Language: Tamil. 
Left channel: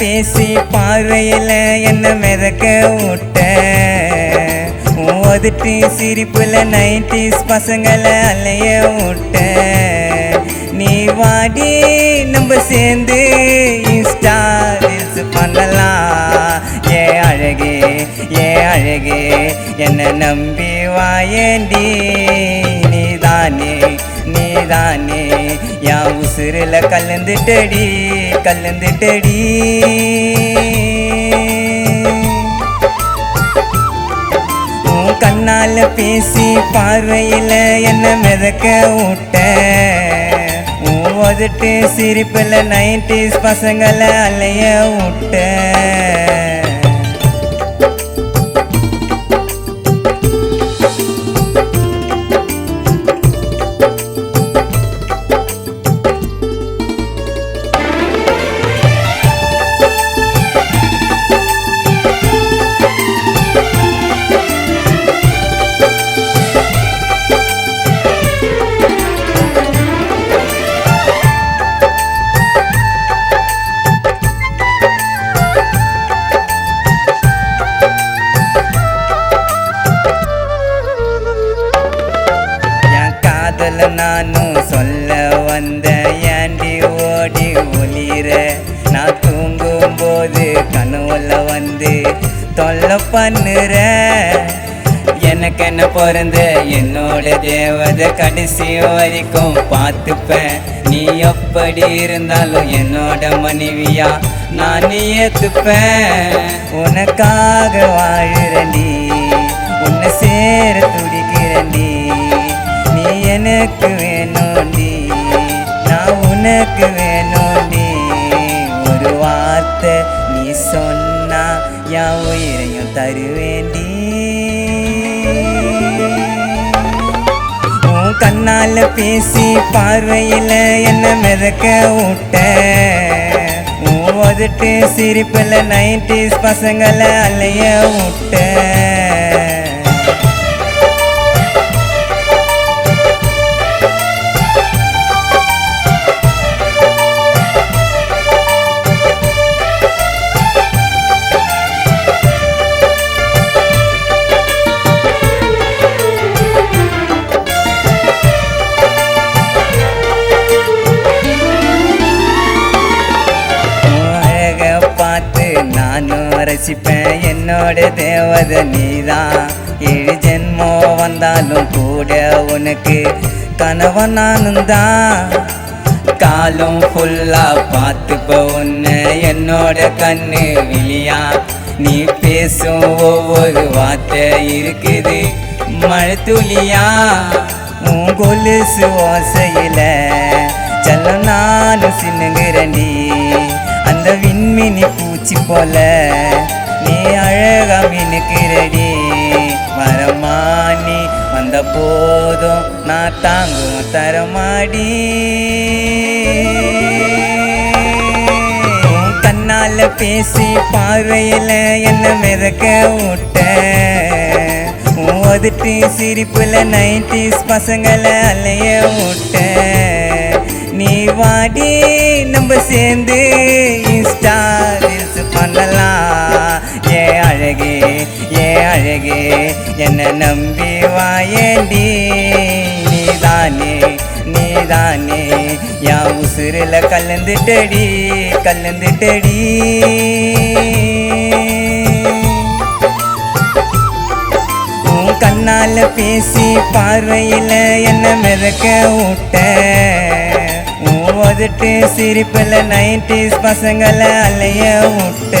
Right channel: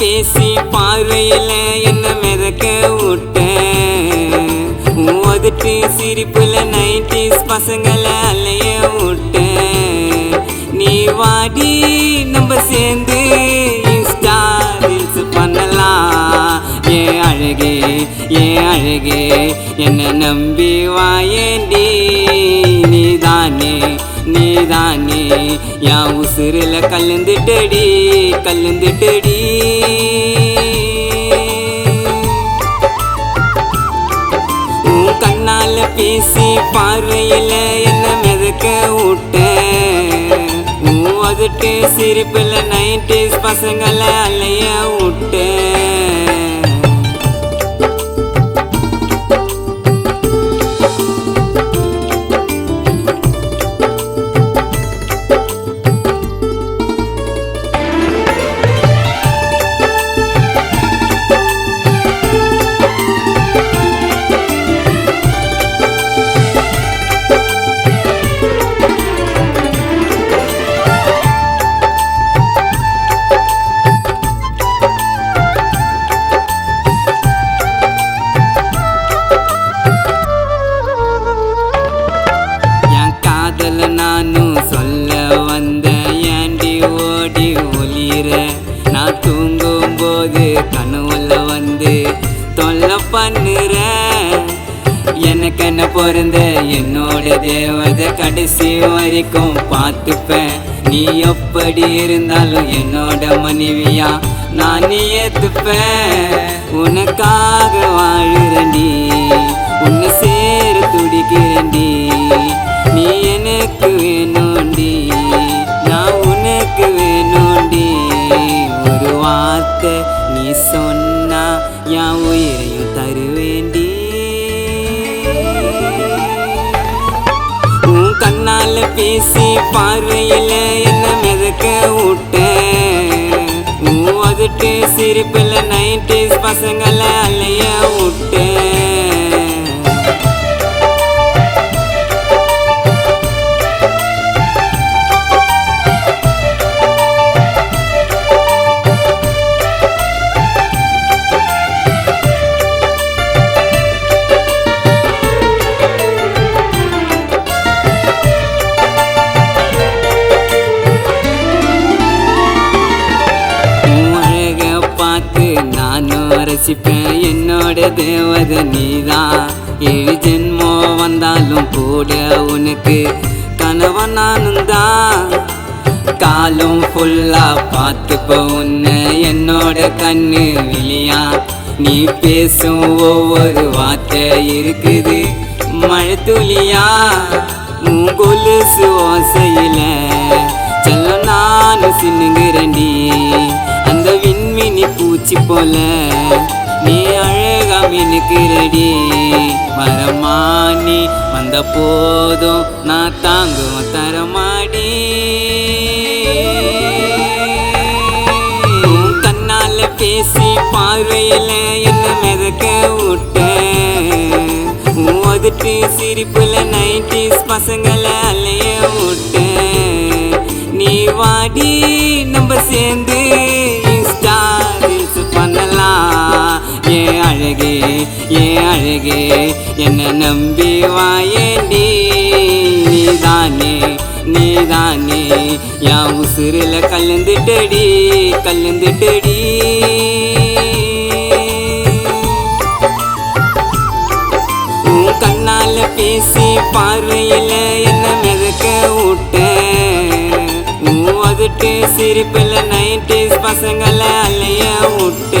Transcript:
பேசி பார்வையில என்ன மிதக்க விட்ட ஒதுட்டு சிரிப்புல 90s பசங்களை அலைய விட்ட நீ வாடி நம்ம சேர்ந்து இன்ஸ்டா ரீல்ஸ் பண்ணலாம் ஏன் அழகே என்ன நம்பி வாயேண்டி நீதானே என் உசுருல கலந்துட்டடி உன் கண்ணால பேசி பார்வையில என்ன மிதக்க விட்ட ஒதுட்டு சிரிப்புல 90s பசங்களை அலைய விட்ட நானும் சொல்ல வந்த ஏண்டி ஓடி ஒளிர நான் தூங்கும் போது கனவுல வந்து தொல்லை பண்ணுற எனக்கு என்ன பிறந்த என்னோட தேவதை கடைசி வரைக்கும் பார்த்துப்பேன் நீ எப்படி இருந்தாலும் என்னோட மனைவியா நான் ஏத்துப்பேன் உனக்காக வாழுறண்டி உன்னை சேர துடிக்கிறண்டி நீ எனக்கு வேணும்டி நான் உனக்கு வேணும்டி ஒரு வார்த்தை நீ சொன்னா என் உயிரையும் தருவேண்டி உன் கண்ணால பேசி பார்வையில என்ன மிதக்க விட்ட ஒதுட்டு சிரிப்புல 90s பசங்களை அலைய விட்ட நானும் ரசிப்பேன் என்னோட தேவதை நீதான் 7 ஜென்மம் வந்தாலும் கூட உனக்கு கணவன் நானும் தான் காலம் ஃபுல்லா பார்த்துப்ப உன்னை என்னோட கண்ணு விழியா நீ பேசும் ஒவ்வொரு வார்த்தை இருக்குது மழை துளியா உன் கொலுசு ஓசையில செல்லம் நானும் சின்னுங்கிறண்டி அந்த விண்மினி பூச்சி போல நீ அழகா மினுக்கிறடி மரமானி வந்த போதும் நான் தாங்கும் தரமாடி கண்ணால பேசி பார்வையில என்ன மிதக்க விட்ட ஒதுட்டு சிரிப்புல 90s பசங்களை அலைய விட்ட நீ வாடி நம்ம சேர்ந்து இன்ஸ்டா ரீல்ஸ் பண்ணலாம் ஏன் அழகே என்ன நம்பி வாயேண்டி நீதானே என் உசுருல கலந்துட்டடி உன் கண்ணால பேசி பார்வையில என்ன மிதக்க விட்ட ஒதுட்டு சிரிப்புல 90s பசங்களை அலைய விட்ட